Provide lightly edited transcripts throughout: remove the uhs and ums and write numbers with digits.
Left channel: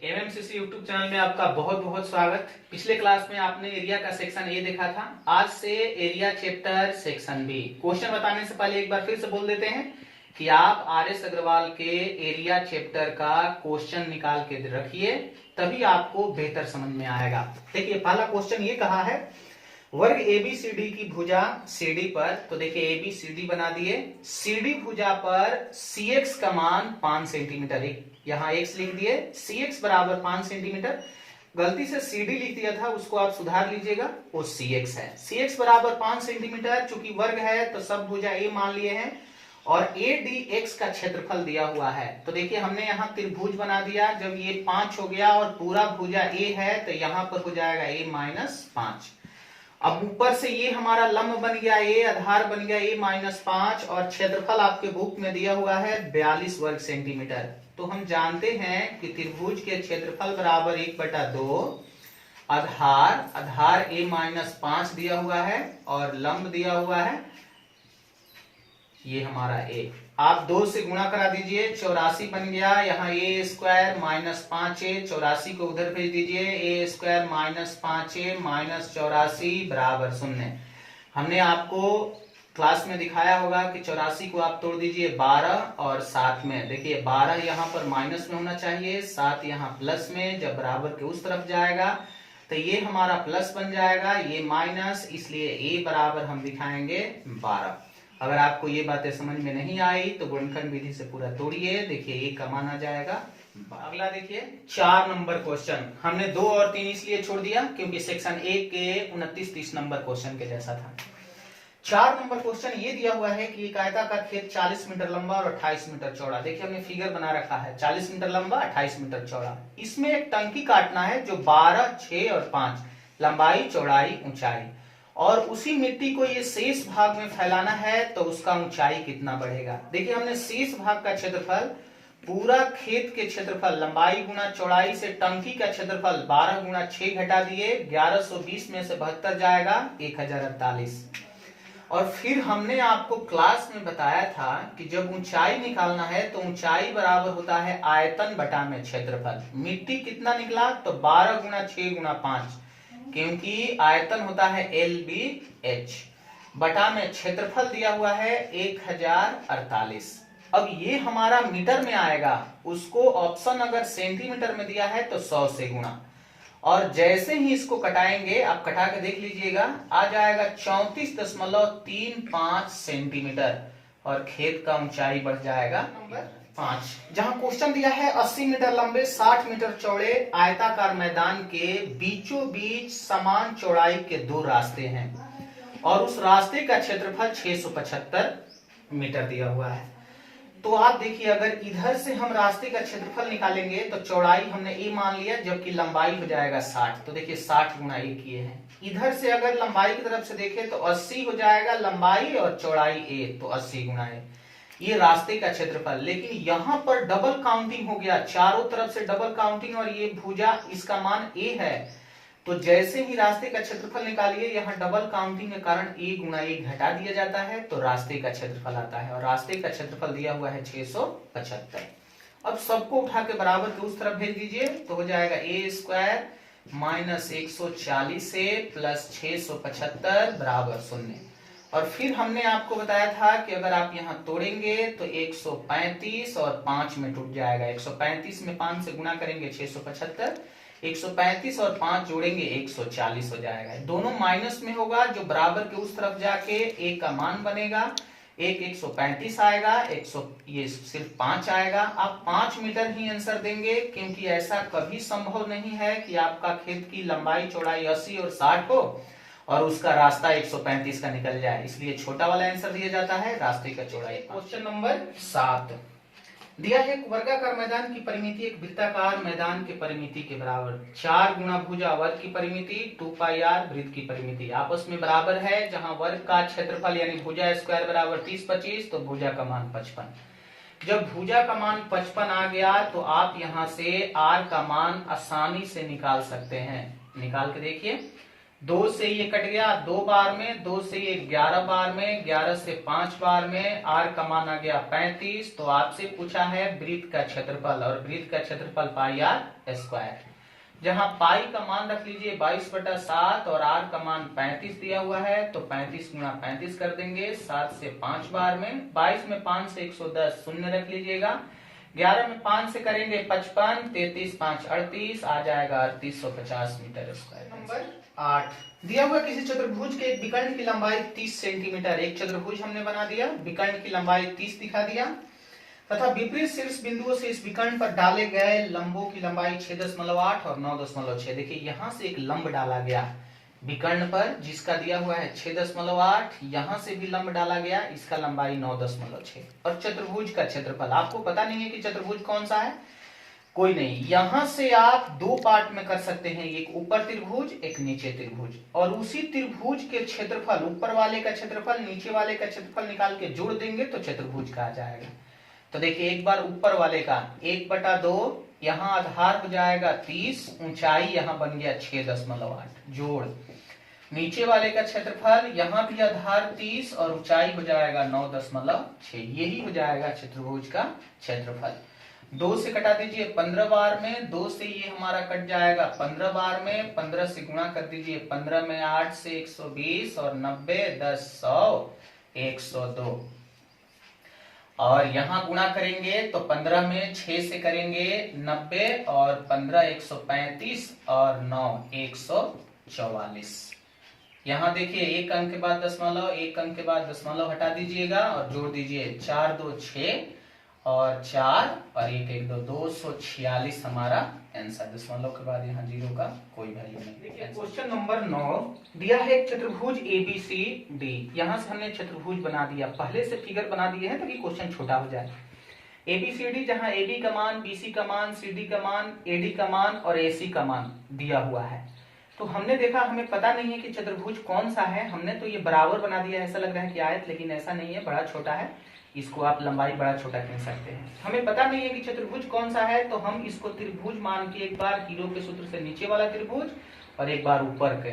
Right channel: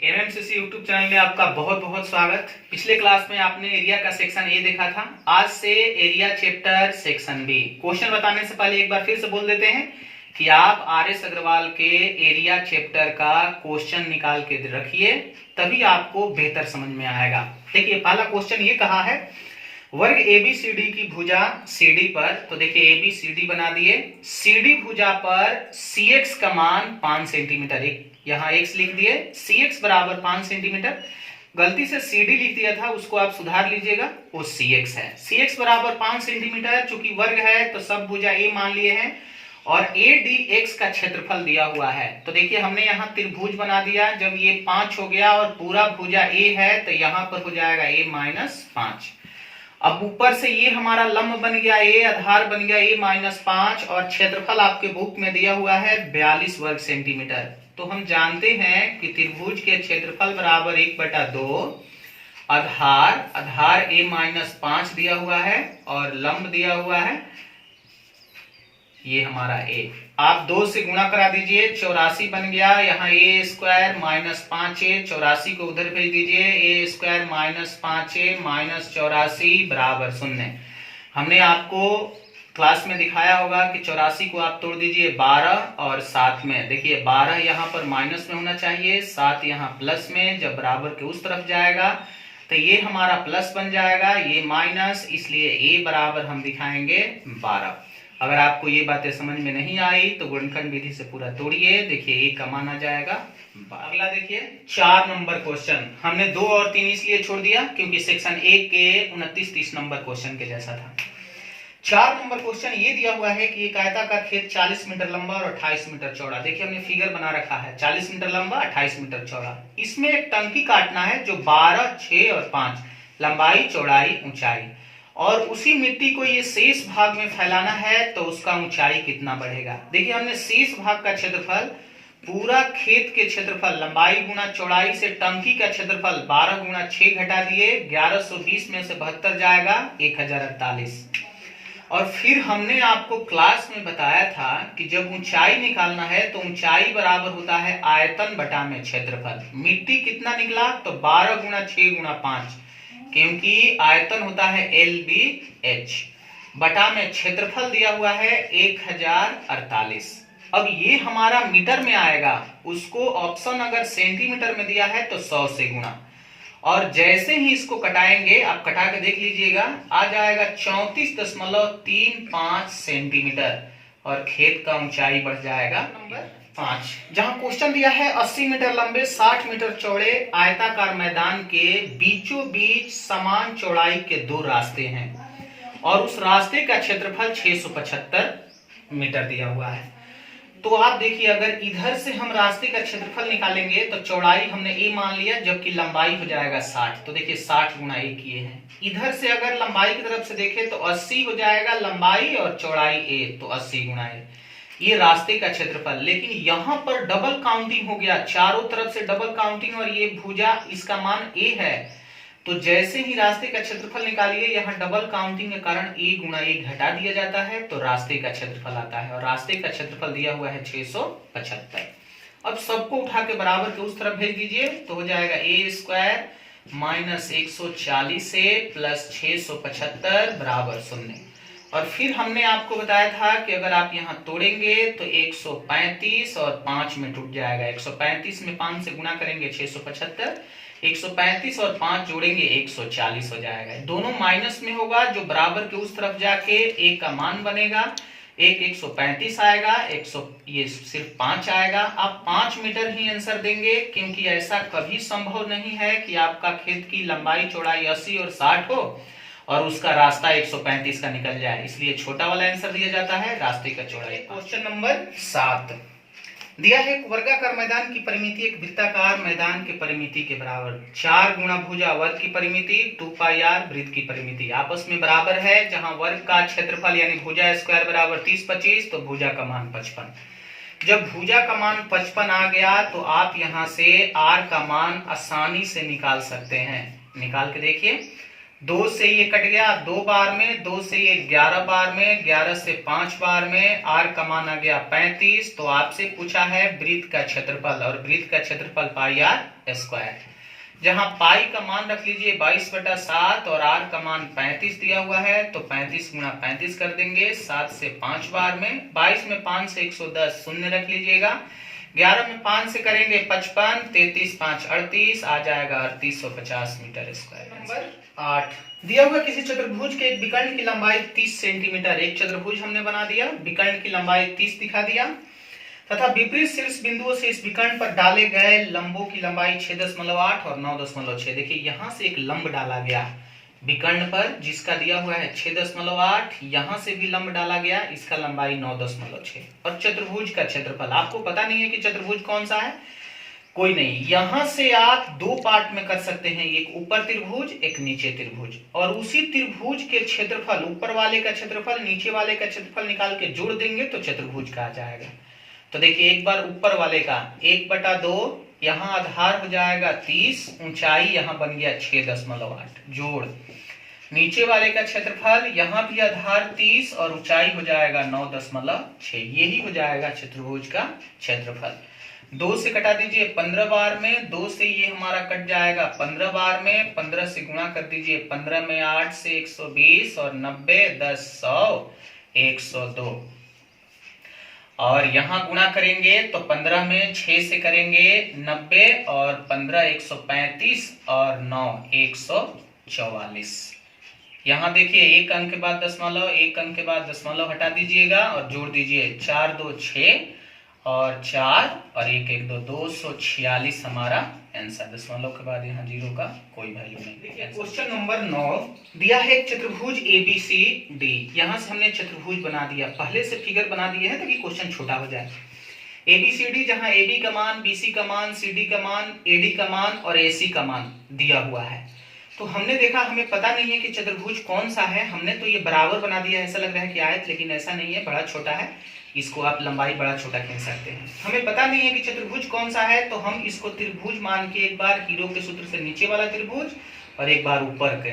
एमएमसीसी YouTube channel में आपका बहुत बहुत स्वागत। पिछले क्लास में आपने एरिया का सेक्शन ए देखा था। आज से area chapter section B. Question बताने से पहले एक बार फिर से बोल देते हैं कि आप आर.एस. अग्रवाल के एरिया चैप्टर का क्वेश्चन निकाल के रखिए, तभी आपको बेहतर समझ में आएगा। देखिए, पहला क्वेश्चन ये कहा है, वर्ग एबीसीडी की भुजा सीडी पर, तो देखिए एबीसीडी बना दिए, सीडी भुजा पर सीएक्स का मान 5 सेंटीमीटर, यहाँ एक्स लिख दिए, सीएक्स बराबर 5 सेंटीमीटर। गलती से सीडी लिख दिया था, उसको आप सुधार लीजिएगा, वो सीएक्स है। सीएक्स बराबर 5 सेंटीमीटर, चूंकि वर्ग है तो सब भुजा ए मान लिए हैं और ए डी एक्स का क्षेत्रफल दिया हुआ है। तो देखिए हमने यहाँ त्रिभुज बना दिया। जब ये 5 हो गया और पूरा भुजा ए है तो यहाँ पर हो जाएगा ए माइनस 5। अब ऊपर से ये हमारा लंब बन गया ए, आधार बन गया ए माइनस 5 और क्षेत्रफल आपके बुक में दिया हुआ है 42 वर्ग सेंटीमीटर। तो हम जानते हैं कि त्रिभुज के क्षेत्रफल बराबर 1/2, आधार ए माइनस 5 दिया हुआ है और लंब दिया हुआ है ये हमारा ए। आप 2 से गुणा करा दीजिए, 84 बन गया। यहाँ ए स्क्वायर माइनस 5a, 84 को उधर भेज दीजिए, ए स्क्वायर माइनस 5a माइनस 84 बराबर 0। हमने आपको क्लास में दिखाया होगा कि 84 को आप तोड़ दीजिए 12 और 7 में। देखिए 12 यहाँ पर माइनस में होना चाहिए, 7 यहाँ प्लस में। जब बराबर के उस तरफ जाएगा तो ये हमारा प्लस बन जाएगा, ये माइनस, इसलिए ए बराबर हम दिखाएंगे 12। अगर आपको ये बातें समझ में नहीं आई तो गुणनखंड विधि से पूरा तोड़िए। देखिए ए का मान आ जाएगा। अगला देखिए 4 नंबर क्वेश्चन। हमने 2 और 3 इसलिए छोड़ दिया क्योंकि सेक्शन 1 के 29-30 नंबर क्वेश्चन के जैसा था। 4 नंबर क्वेश्चन ये दिया हुआ है कि एक आयताकार खेत 40 मीटर लंबा और 28 मीटर चौड़ा। देखिए हमने फिगर बना रखा है, 40 मीटर लंबा 28 मीटर चौड़ा। इसमें एक टंकी काटना है जो 12, 6 और 5 लंबाई, चौड़ाई, ऊंचाई, और उसी मिट्टी को ये शेष भाग में फैलाना है तो उसका ऊंचाई कितना बढ़ेगा। देखिए हमने शेष भाग का क्षेत्रफल, पूरा खेत के क्षेत्रफल लंबाई गुना चौड़ाई से टंकी का क्षेत्रफल 12 गुना 6 घटा दिए, 1120 में से 72 जाएगा 1048। और फिर हमने आपको क्लास में बताया था कि जब ऊंचाई निकालना है तो ऊंचाई बराबर होता है आयतन बटा में क्षेत्रफल। मिट्टी कितना निकला तो 12 गुना 6 गुना 5, क्योंकि आयतन होता है LBH, बटा में क्षेत्रफल दिया हुआ है 1048। अब ये हमारा मीटर में आएगा, उसको ऑप्शन अगर सेंटीमीटर में दिया है तो 100 से गुणा, और जैसे ही इसको कटाएंगे, आप कटा के देख लीजिएगा, आ जाएगा 34.35 सेंटीमीटर और खेत का ऊंचाई बढ़ जाएगा नंबर 5। जहां क्वेश्चन दिया है 80 मीटर लंबे 60 मीटर चौड़े आयताकार मैदान के बीचों बीच समान चौड़ाई के 2 रास्ते हैं और उस रास्ते का क्षेत्रफल 675 मीटर दिया हुआ है। तो आप देखिए, अगर इधर से हम रास्ते का क्षेत्रफल निकालेंगे तो चौड़ाई हमने ए मान लिया, जबकि लंबाई हो जाएगा 60। तो देखिए 60 गुना ए किए हैं। इधर से अगर लंबाई की तरफ से देखें तो 80 हो जाएगा लंबाई और चौड़ाई ए, तो 80 गुना ए, ये रास्ते का क्षेत्रफल। लेकिन यहाँ पर डबल काउंटिंग हो गया, चारों तरफ से डबल काउंटिंग, और ये भुजा इसका मान ए है। तो जैसे ही रास्ते का क्षेत्रफल निकालिए, यहाँ डबल काउंटिंग के कारण ए गुना ए घटा दिया जाता है तो रास्ते का क्षेत्रफल आता है, और रास्ते का क्षेत्रफल दिया हुआ है 675। अब सबको उठा के बराबर के उस तरफ भेज दीजिए तो हो जाएगा ए स्क्वायर माइनस 140 से प्लस 675 बराबर 0। और फिर हमने आपको बताया था कि अगर आप यहाँ तोड़ेंगे तो 135 और 5 में टूट जाएगा। 135 में 5 से गुणा करेंगे 675, 135 और 5 जोड़ेंगे 140 हो जाएगा। दोनों माइनस में होगा, जो बराबर के उस तरफ जाके ए का मान बनेगा, 135 आएगा, 100 ये सिर्फ 5 आएगा। आप 5 मीटर ही आंसर देंगे, क्योंकि ऐसा कभी संभव नहीं है कि आपका खेत की लंबाई चौड़ाई 80 और 60 हो और उसका रास्ता 135 का निकल जाए, इसलिए छोटा वाला आंसर दिया जाता है, रास्ते का चौड़ाई। क्वेश्चन नंबर 7 दिया है, वर्गाकार मैदान की परिमिति एक वृत्ताकार मैदान के परिमिति के बराबर। 4 गुना भुजा वर्ग की परिमिति 2πr वृत्त की परिमिति आपस में बराबर है। जहां वर्ग का क्षेत्रफल यानी भुजा स्क्वायर बराबर 30-25, तो भुजा का मान 55। जब भुजा का मान 55 आ गया तो आप यहां से r का मान आसानी से निकाल सकते हैं। निकाल के देखिए, 2 से ये कट गया 2 बार में, 2 से ये 11 बार में, 11 से 5 बार में, r का मान आ गया 35। तो आपसे पूछा है वृत्त का क्षेत्रफल, और वृत्त का क्षेत्रफल पाई r स्क्वायर, जहां पाई का मान रख लीजिए 22/7 और r का मान 35 दिया हुआ है, तो 35 गुणा 35 कर देंगे 7 से 5 बार में, 22 में 5 से 110 शून्य रख लीजिएगा, 11 में 5 से करेंगे 55, 33 5 38, आ जाएगा 3850 मीटर स्क्वायर। नंबर 8, दिया हुआ किसी चतुर्भुज के एक विकर्ण की लंबाई 30 सेंटीमीटर, एक चतुर्भुज हमने बना दिया, विकर्ण की लंबाई 30 दिखा दिया, तथा विपरीत शीर्ष बिंदुओं से इस विकर्ण पर डाले गए लंबों की लंबाई 6.8 और 9.6। देखिए यहां से एक लंब डाला गया विकर्ण पर जिसका दिया हुआ है 6.8, यहां से भी लंब डाला गया, इसका लंबाई 9.6, और चतुर्भुज का क्षेत्रफल आपको पता नहीं है कि चतुर्भुज कौन सा है, कोई नहीं, यहां से आप 2 पार्ट में कर सकते हैं, एक ऊपर त्रिभुज एक नीचे त्रिभुज, और उसी त्रिभुज के क्षेत्रफल, ऊपर वाले का क्षेत्रफल नीचे वाले का क्षेत्रफल निकाल के जोड़ देंगे तो चतुर्भुज का आ जाएगा। तो देखिए एक बार ऊपर वाले का 1/2, यहाँ आधार हो जाएगा 30, ऊंचाई यहाँ बन गया 6.8, जोड़ नीचे वाले का क्षेत्रफल, यहाँ भी आधार 30 और ऊंचाई हो जाएगा 9.6, यही हो जाएगा चतुर्भुज का क्षेत्रफल। 2 से कटा दीजिए 15 बार में, 2 से ये हमारा कट जाएगा 15 बार में, 15 से गुणा कर दीजिए 15 में 8 से 120 और 90 10 100 102, और यहां गुणा करेंगे तो 15 में 6 से करेंगे 90 और 15 135 और 9 144। यहां देखिए एक अंक के बाद दशमलव, एक अंक के बाद दशमलव हटा दीजिएगा और जोड़ दीजिए 4 2 6 और 4 और 1 1 2 246 हमारा आंसर। दशमलव के बाद यहाँ 0 का कोई वैल्यू नहीं। देखिए क्वेश्चन नंबर 9 दिया है एक चतुर्भुज ABCD, यहाँ से हमने चतुर्भुज बना दिया, पहले से फिगर बना दिए हैं ताकि क्वेश्चन छोटा हो जाए। ABCD जहाँ AB का मान, BC का मान, CD का मान, AD का मान और AC का मान दिया हुआ है, तो हमने देखा हमें पता नहीं है कि चतुर्भुज कौन सा है, हमने तो ये बराबर बना दिया, ऐसा लग रहा है कि आयत, लेकिन ऐसा नहीं है, बड़ा छोटा है, इसको आप लंबाई बड़ा छोटा खींच सकते हैं। हमें पता नहीं है कि चतुर्भुज कौन सा है, तो हम इसको त्रिभुज मान के एक बार हीरो के सूत्र से नीचे वाला त्रिभुज और एक बार ऊपर के,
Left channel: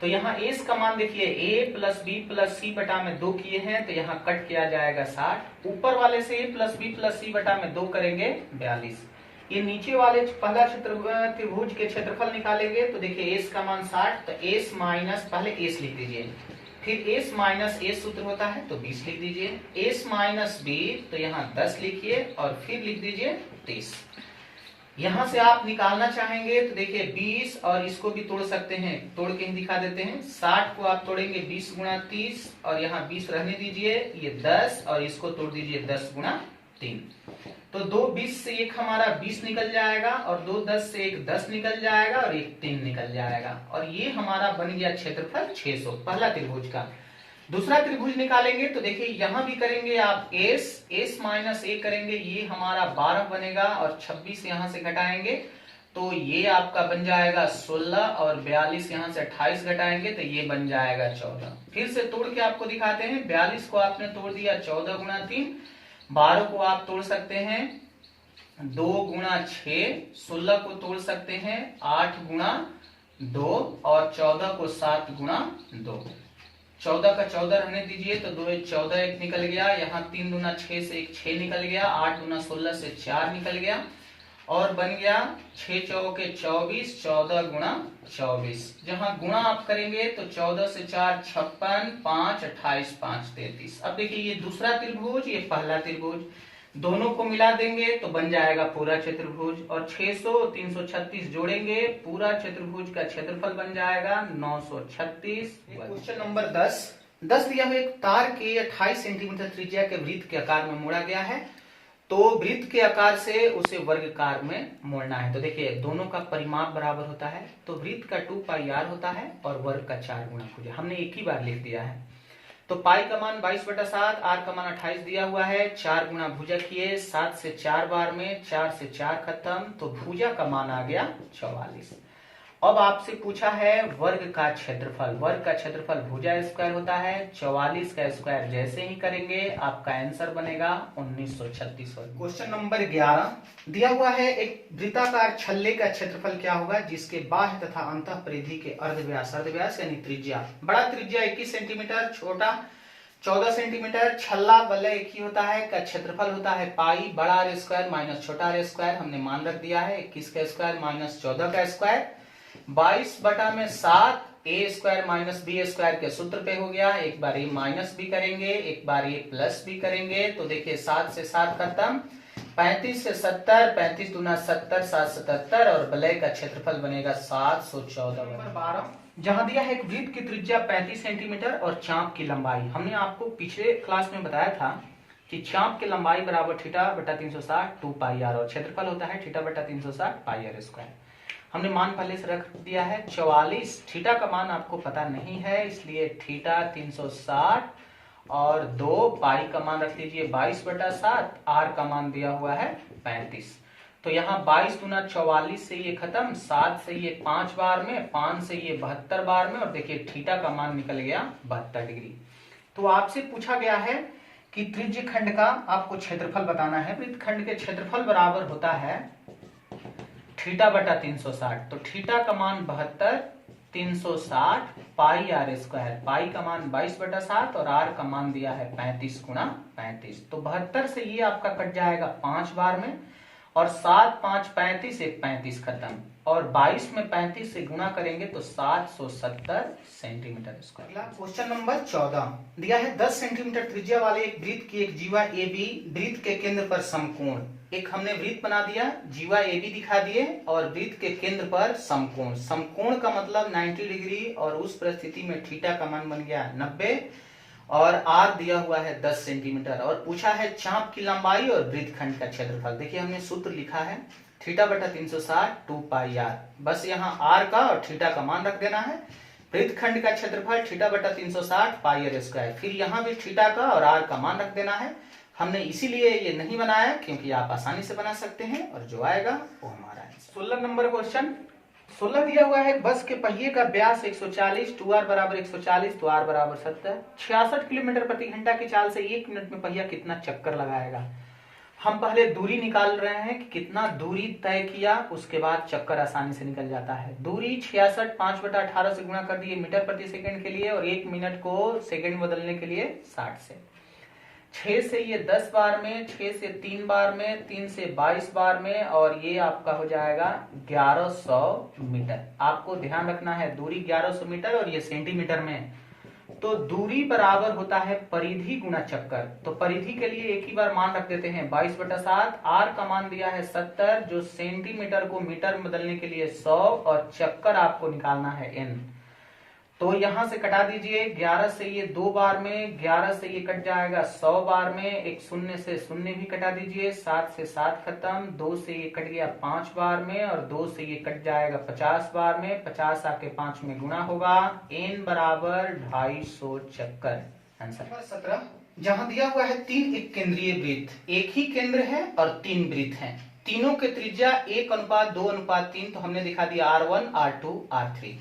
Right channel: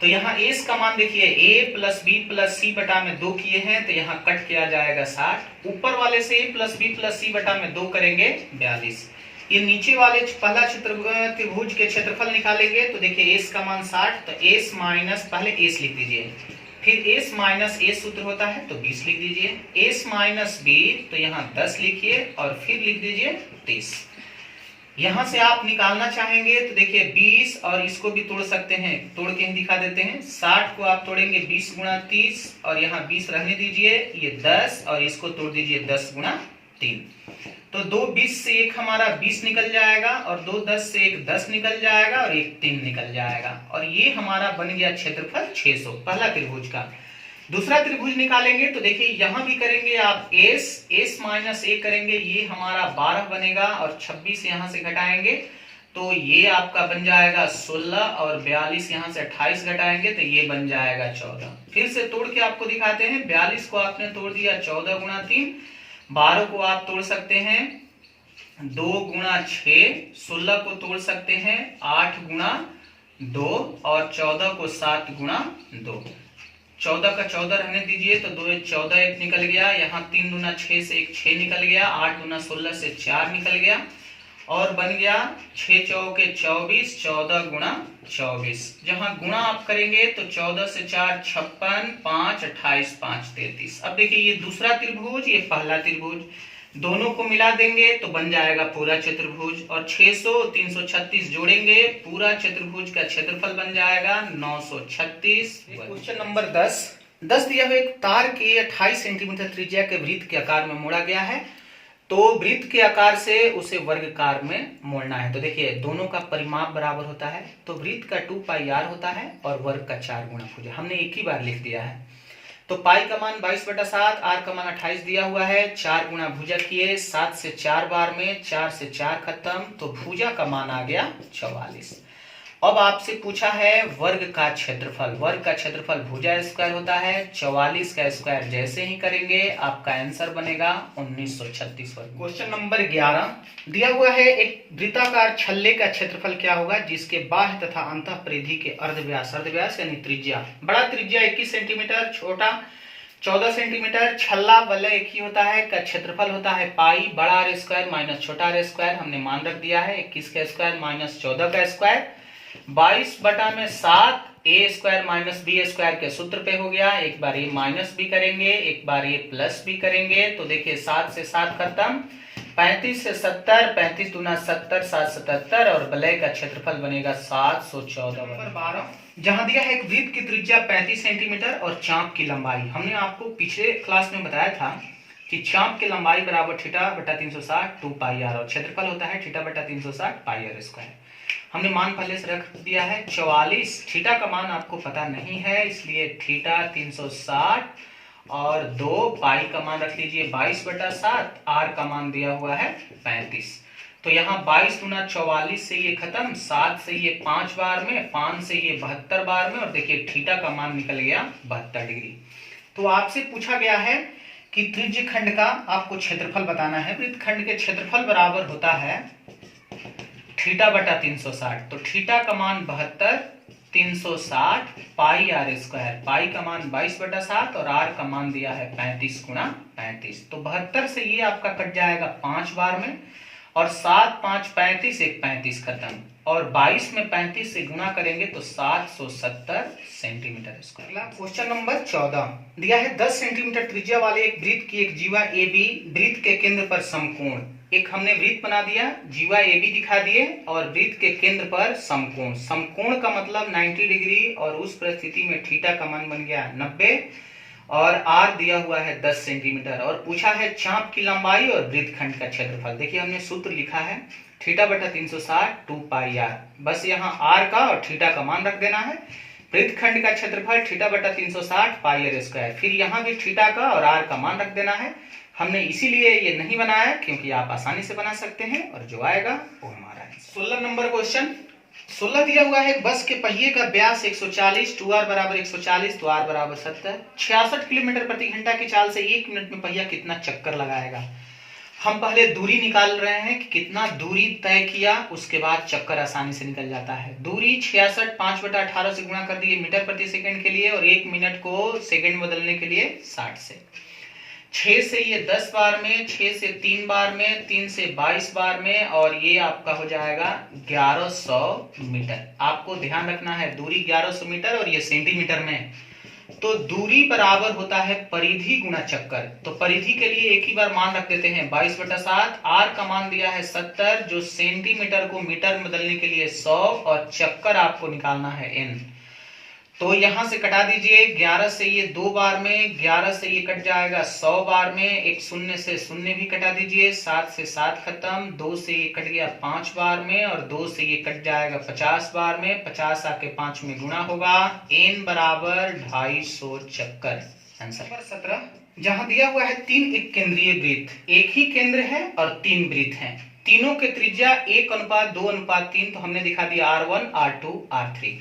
तो यहाँ एस का मान देखिए a + b + c बटा में 2 किए हैं, तो यहाँ कट किया जाएगा 60, ऊपर वाले से a + b + c बटा में 2 करेंगे 42, ये नीचे वाले पहला त्रिभुज के क्षेत्रफल निकालेंगे, तो देखिए s का मान 60, तो s माइनस, पहले s लिख दीजिए, फिर s माइनस a सूत्र होता है तो 20 लिख दीजिए, s माइनस b तो यहाँ 10 लिखिए और फिर लिख दीजिए 30। यहां से आप निकालना चाहेंगे तो देखिए 20 और इसको भी तोड़ सकते हैं, तोड़ के ही दिखा देते हैं, 60 को आप तोड़ेंगे 20 गुणा 30 और यहाँ 20 रहने दीजिए, ये 10 और इसको तोड़ दीजिए 10 गुणा 3, तो 2 20 से 1 हमारा 20 निकल जाएगा और 2 10 से 1 10 निकल जाएगा और 1 3 निकल जाएगा, और ये हमारा बन गया क्षेत्रफल 600 पहला त्रिभुज का। दूसरा त्रिभुज निकालेंगे तो देखिए यहां भी करेंगे आप s माइनस a करेंगे, ये हमारा 12 बनेगा और 26 यहां से घटाएंगे तो ये आपका बन जाएगा 16 और 42 यहां से 28 घटाएंगे तो ये बन जाएगा 14। फिर से तोड़ के आपको दिखाते हैं, 42 को आपने तोड़ दिया 14 गुणा 3, 12 को आप तोड़ सकते हैं 2 गुणा 6, 16 को तोड़ सकते हैं 8 गुणा 2 और 14 को 7 गुणा 2, 14 का 14 रहने दीजिए तो 2 14 1 निकल गया, यहाँ 3 दूना 6 से 1 6 निकल गया, 8 दूना 16 से 4 निकल गया और बन गया 6 चौके 24, 14 गुणा 24। जहां गुणा आप करेंगे तो 14 से 4 56, 5 28, 5 33। अब देखिए ये दूसरा त्रिभुज, ये पहला त्रिभुज, दोनों को मिला देंगे तो बन जाएगा पूरा चतुर्भुज, और 600 336 जोड़ेंगे, पूरा चतुर्भुज का क्षेत्रफल बन जाएगा 936। क्वेश्चन नंबर 10 दिया हुआ एक तार के 28 सेंटीमीटर त्रिज्या के वृत्त के आकार में मोड़ा गया है, तो वृत्त के आकार से उसे वर्गाकार में मोड़ना है। तो देखिए दोनों का परिमाप बराबर होता है, तो वृत्त का 2πr होता है और वर्ग का 4 गुना भुजा, हमने एक ही बार लिख दिया है। तो पाई का मान 22/7, आर का मान 28 दिया हुआ है, 4 गुना भुजा किए, 7 से 4 बार में, 4 से 4 खत्म, तो भुजा का मान आ गया 44। अब आपसे पूछा है वर्ग का क्षेत्रफल। वर्ग का क्षेत्रफल भुजा स्क्वायर होता है, 44 का स्क्वायर जैसे ही करेंगे आपका आंसर बनेगा 1936 वर्ग। क्वेश्चन नंबर 11 दिया हुआ है, एक वृत्ताकार छल्ले का क्षेत्रफल क्या होगा जिसके बाह्य तथा अंतः परिधि के अर्धव्यास, अर्धव्यास यानी त्रिज्या, बड़ा त्रिज्या 21 सेंटीमीटर, छोटा 14 सेंटीमीटर, छल्ला वलय एक ही होता है, का क्षेत्रफल होता है पाई, बड़ा आर स्क्वायर माइनस छोटा आर स्क्वायर, हमने मान रख दिया है 21 का स्क्वायर माइनस 14 का स्क्वायर, 22/7 ए स्क्वायर माइनस बी स्क्वायर के सूत्र पे हो गया। एक बार ये माइनस भी करेंगे, एक बार ये प्लस भी करेंगे, तो देखिए 7 से 7 खत्म, 35 से 70, 35 दूना 70, 7 77 और वलय का क्षेत्रफल बनेगा 714। नंबर 12 जहां दिया है एक वृत्त की त्रिज्या 35 सेंटीमीटर और चाप की लंबाई, हमने आपको पिछले क्लास में बताया था कि चाप की लंबाई बराबर थीटा बटा 360 2 पाई आर और क्षेत्रफल होता है थीटा बटा 360 पाई आर स्क्वायर। हमने मान पहले से रख दिया है 44, थीटा का मान आपको पता नहीं है इसलिए थीटा 360 और 2 पाई का मान रख लीजिए 22/7, आर का मान दिया हुआ है 35। तो यहाँ 22 दूना 44 से ये खत्म, 7 से ये 5 बार में, 5 से ये 72 बार में और देखिए थीटा का मान निकल गया 72 डिग्री। तो आपसे पूछा गया है कि त्रिज्य खंड का आपको क्षेत्रफल बताना है। वृत्त खंड के क्षेत्रफल बराबर होता है थीटा बटा 360, तो थीटा का मान 72, 360 पाई आर स्क्वायर, पाई का मान 22/7 और आर का मान दिया है 35 गुणा 35, तो 72 से ये आपका कट जाएगा 5 बार में और 7 5 35, एक 35 खत्म और 22 में 35 से गुणा करेंगे तो 770 सेंटीमीटर स्क्वायर। क्वेश्चन नंबर 14 दिया है 10 सेंटीमीटर त्रिज्या वाले एक वृत्त की एक जीवा ए बी वृत्त के केंद्र पर समकोण, एक हमने वृत्त बना दिया, जीवा ए बी दिखा दिए और वृत्त के केंद्र पर समकोण, समकोण का मतलब 90 डिग्री और उस परिस्थिति में थीटा का मान बन गया 90 और आर दिया हुआ है 10 सेंटीमीटर और पूछा है चाप की लंबाई और वृत्तखंड का क्षेत्रफल। देखिए हमने सूत्र लिखा है थीटा बटा 360 2 पाई आर, बस यहाँ आर का और थीटा का मान रख देना है। वृत्तखंड का क्षेत्रफल थीटा बटा 360 पाई आर स्क्वायर, फिर यहाँ भी थीटा का और आर का मान रख देना है। हमने इसीलिए ये नहीं बनाया क्योंकि आप आसानी से बना सकते हैं और जो आएगा वो हमारा है। 16 नंबर क्वेश्चन 16 दिया हुआ है बस के पहिए का व्यास 140, 2r बराबर 140 तो r बराबर 70, 66 किलोमीटर प्रति घंटा की चाल से 1 मिनट में पहिया कितना चक्कर लगाएगा। हम पहले दूरी निकाल रहे हैं कि कितना दूरी तय किया, उसके बाद चक्कर आसानी से निकल जाता है। दूरी 66 5/18 से गुणा कर दिए मीटर प्रति सेकंड के लिए और 1 मिनट को सेकंड बदलने के लिए 60 से, 6 से ये 10 बार में, 6 से 3 बार में, 3 से 22 बार में और ये आपका हो जाएगा 1100 मीटर। आपको ध्यान रखना है दूरी 1100 मीटर और ये सेंटीमीटर में, तो दूरी बराबर होता है परिधि गुना चक्कर। तो परिधि के लिए एक ही बार मान रख देते हैं 22/7, आर का मान दिया है 70 जो सेंटीमीटर को मीटर में बदलने के लिए 100 और चक्कर आपको निकालना है n। तो यहां से कटा दीजिए 11 से ये 2 बार में, 11 से ये कट जाएगा 100 बार में, एक शून्य से शून्य भी कटा दीजिए, 7 से 7 खत्म, 2 से ये कट गया 5 बार में और 2 से ये कट जाएगा 50 बार में, 50 आके 5 में गुणा होगा, n बराबर 250 चक्कर। आंसर 17 जहां दिया हुआ है 3 एक केंद्रीय वृत्त, एक ही केंद्र है और 3 वृत्त हैं, तीनों के त्रिज्या 1:2:3, तो हमने दिखा दिया R1 R2 R3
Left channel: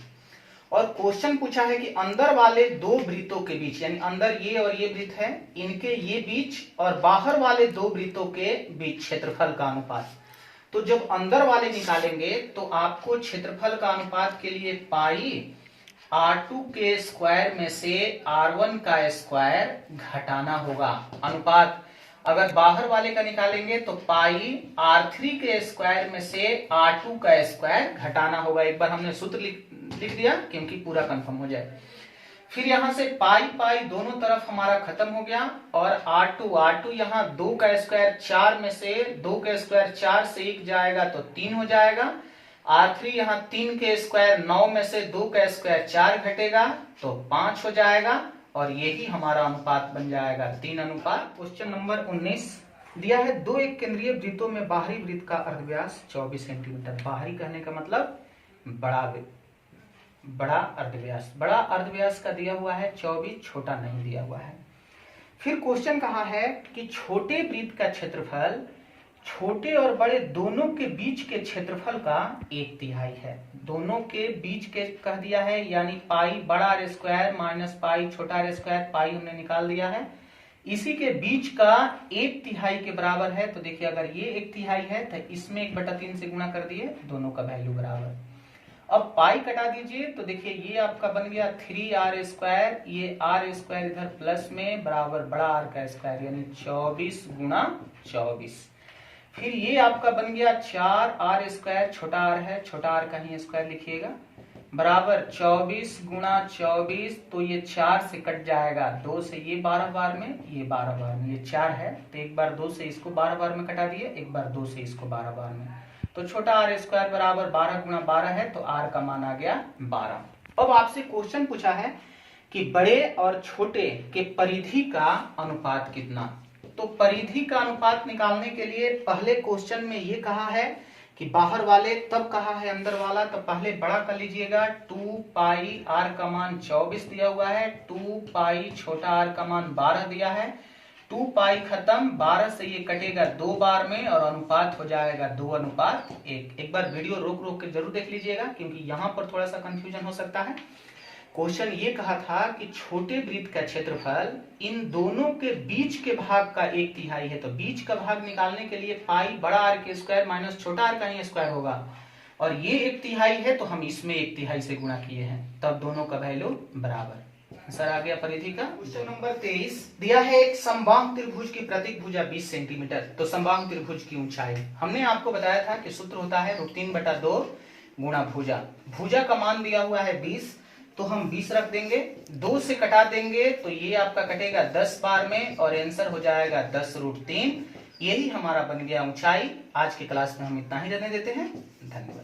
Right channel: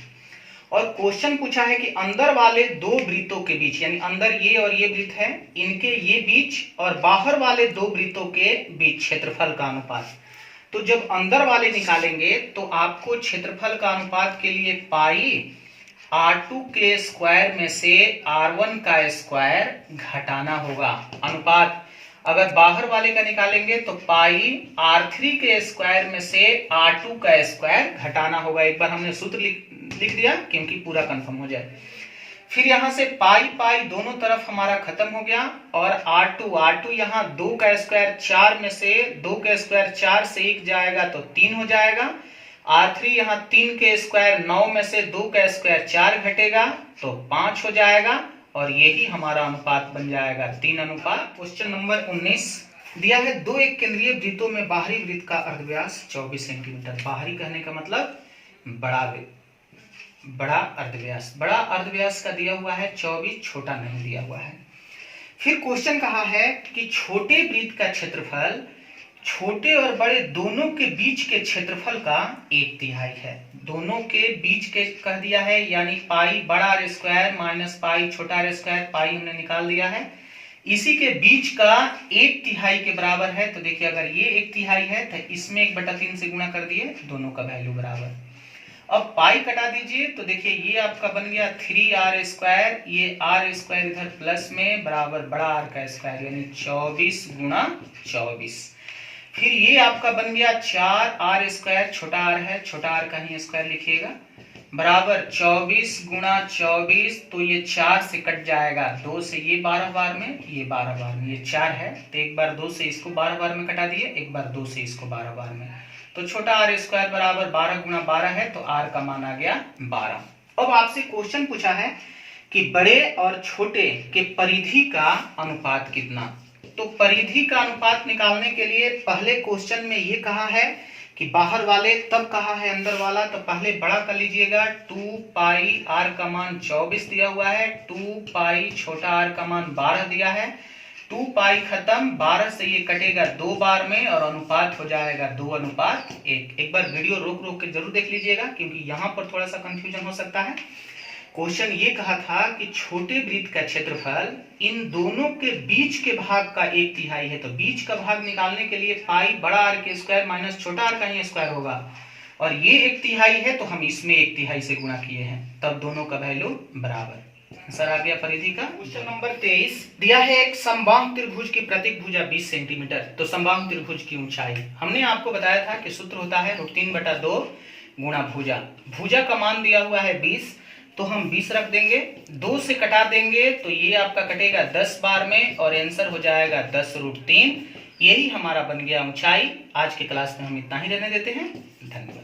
और क्वेश्चन पूछा है कि अंदर वाले दो वृत्तों के बीच, यानी अंदर ये और ये वृत्त है, इनके ये बीच और बाहर वाले दो वृत्तों के बीच क्षेत्रफल का अनुपात। तो जब अंदर वाले निकालेंगे तो आपको क्षेत्रफल का अनुपात के लिए पाई R2 के स्क्वायर में से R1 का स्क्वायर घटाना होगा। अनुपात अगर बाहर वाले का निकालेंगे तो पाई R3 के स्क्वायर में से R2 का स्क्वायर घटाना होगा। एक बार हमने सूत्र लिख दिया क्योंकि पूरा कंफर्म हो जाए। फिर यहां से पाई पाई दोनों तरफ हमारा खत्म हो गया और R2 यहाँ 2 का स्क्वायर 4 में से 2 का स्क्वायर 4 से 1 जाएगा तो 3 हो जाएगा। R3 यहाँ 3 के स्क्वायर 9 में से 2 का स्क्वायर 4 घटेगा तो 5 हो जाएगा और यही हमारा अनुपात बन जाएगा 3:। क्वेश्चन नंबर 19 दिया है दो एक केंद्रीय वृत्तों में बाहरी वृत्त का अर्धव्यास 24 सेंटीमीटर। बाहरी कहने का मतलब बड़ा अर्धव्यास, बड़ा अर्धव्यास का दिया हुआ है 24, छोटा नहीं दिया हुआ है। फिर क्वेश्चन कहा है कि छोटे वृत्त का क्षेत्रफल छोटे और बड़े दोनों के बीच के क्षेत्रफल का 1/3 है। दोनों के बीच के कह दिया है, यानी पाई बड़ा आर स्क्वायर माइनस पाई छोटा आर स्क्वायर, पाई हमने निकाल दिया है। इसी के बीच का 1/3 के बराबर है। तो देखिए अगर ये 1/3 है तो इसमें 1/3 से गुणा कर दिए, दोनों का वैल्यू बराबर। अब पाई कटा दीजिए तो देखिए ये आपका बन गया 3r स्क्वायर, ये r स्क्वायर इधर प्लस में बराबर बड़ा आर का स्क्वायर, यानी 24 गुणा 24। फिर ये आपका बन गया 4r स्क्वायर, छोटा आर है, छोटा आर का ही स्क्वायर लिखिएगा, बराबर 24 गुणा 24। तो ये 4 से कट जाएगा, 2 से ये 12 बार में, ये 12 बार में, ये 4 है तो एक बार 2 से इसको 12 बार में कटा दिए, एक बार 2 से इसको 12 बार में। तो छोटा आर स्क्वायर बराबर 12 गुणा 12 है, तो आर का मान आ गया 12। अब आपसे क्वेश्चन पूछा है कि बड़े और छोटे के परिधि का अनुपात कितना। तो परिधि का अनुपात निकालने के लिए पहले क्वेश्चन में ये कहा है कि बाहर वाले, तब कहा है अंदर वाला। तो पहले बड़ा कर लीजिएगा, 2 पाई आर का मान 24 दिया हुआ है, 2 पाई छोटा आर का मान 12 दिया है, 2 पाई खत्म, 12 से ये कटेगा 2 बार में और अनुपात हो जाएगा 2:1। एक बार वीडियो रोक रोक के जरूर देख लीजिएगा, क्योंकि यहाँ पर थोड़ा सा कंफ्यूजन हो सकता है। क्वेश्चन ये कहा था कि छोटे वृत्त का क्षेत्रफल इन दोनों के बीच के भाग का 1/3 है। तो बीच का भाग निकालने के लिए पाई बड़ा आर के स्क्वायर माइनस छोटा आर का ही स्क्वायर होगा, और ये 1/3 है तो हम इसमें 1/3 से गुणा किए हैं, तब दोनों का वैल्यू बराबर। आंसर आ गया परिधि का। क्वेश्चन नंबर 23 दिया है, एक समबाहु त्रिभुज की प्रत्येक भुजा 20 सेंटीमीटर। तो समबाहु त्रिभुज की ऊंचाई हमने आपको बताया था कि सूत्र होता है √3/2 गुणा भुजा। भुजा का मान दिया हुआ है 20, तो हम 20 रख देंगे, 2 से कटा देंगे तो ये आपका कटेगा 10 बार में और आंसर हो जाएगा 10√3। यही हमारा बन गया ऊंचाई। आज की क्लास में हम इतना ही रहने देते हैं। धन्यवाद।